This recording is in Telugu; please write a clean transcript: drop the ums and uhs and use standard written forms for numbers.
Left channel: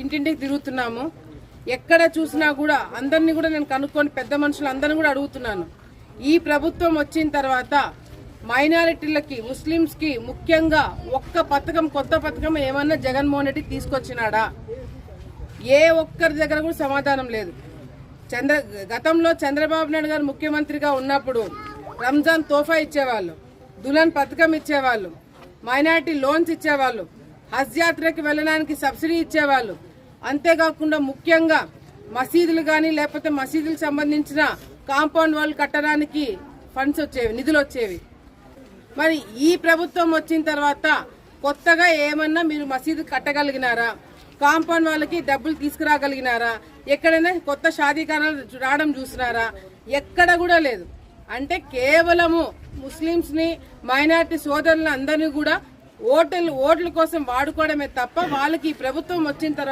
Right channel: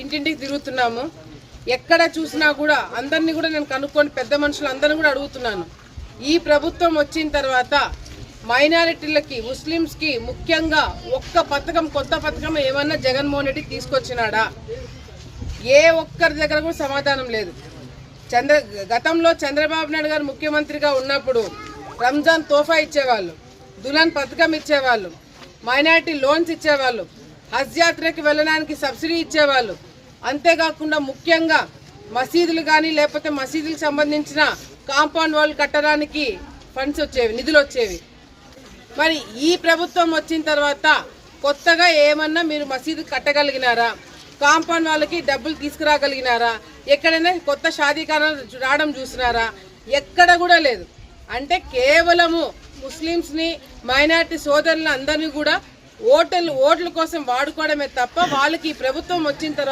ఇంటింటికి తిరుగుతున్నాము. ఎక్కడ చూసినా కూడా అందరినీ కూడా నేను కనుక్కొని పెద్ద మనుషులు అందరిని కూడా అడుగుతున్నాను. ఈ ప్రభుత్వం వచ్చిన తర్వాత మైనారిటీలకి, ముస్లిమ్స్కి ముఖ్యంగా ఒక్క పథకం, కొత్త పథకం ఏమన్నా జగన్మోహన్ రెడ్డి తీసుకొచ్చినాడా? ఏ ఒక్కరి దగ్గర కూడా సమాధానం లేదు. గతంలో చంద్రబాబు నాయుడు గారు ముఖ్యమంత్రిగా ఉన్నప్పుడు రంజాన్ తోఫా ఇచ్చేవాళ్ళు, దుల్హన్ పథకం ఇచ్చేవాళ్ళు, మైనారిటీ లోన్స్ ఇచ్చేవాళ్ళు, హజ్ యాత్రకి వెళ్ళడానికి సబ్సిడీ ఇచ్చేవాళ్ళు. అంతేకాకుండా ముఖ్యంగా మసీదులు కానీ లేకపోతే మసీదులకు సంబంధించిన కాంపౌండ్ వాళ్ళు కట్టడానికి ఫండ్స్ వచ్చేవి, నిధులు వచ్చేవి. మరి ఈ ప్రభుత్వం వచ్చిన తర్వాత కొత్తగా ఏమన్నా మీరు మసీదు కట్టగలిగినారా? కాంపౌండ్ వాళ్ళకి డబ్బులు తీసుకురాగలిగినారా? ఎక్కడైనా కొత్త షాదీఖానాలు రావడం చూసినారా? ఎక్కడ కూడా లేదు. అంటే కేవలము ముస్లిమ్స్ని, మైనారిటీ సోదరులు అందరినీ కూడా ఓట్ల కోసం వాడుకోవడమే తప్ప వాళ్ళకి ఈ ప్రభుత్వం వచ్చిన తర్వాత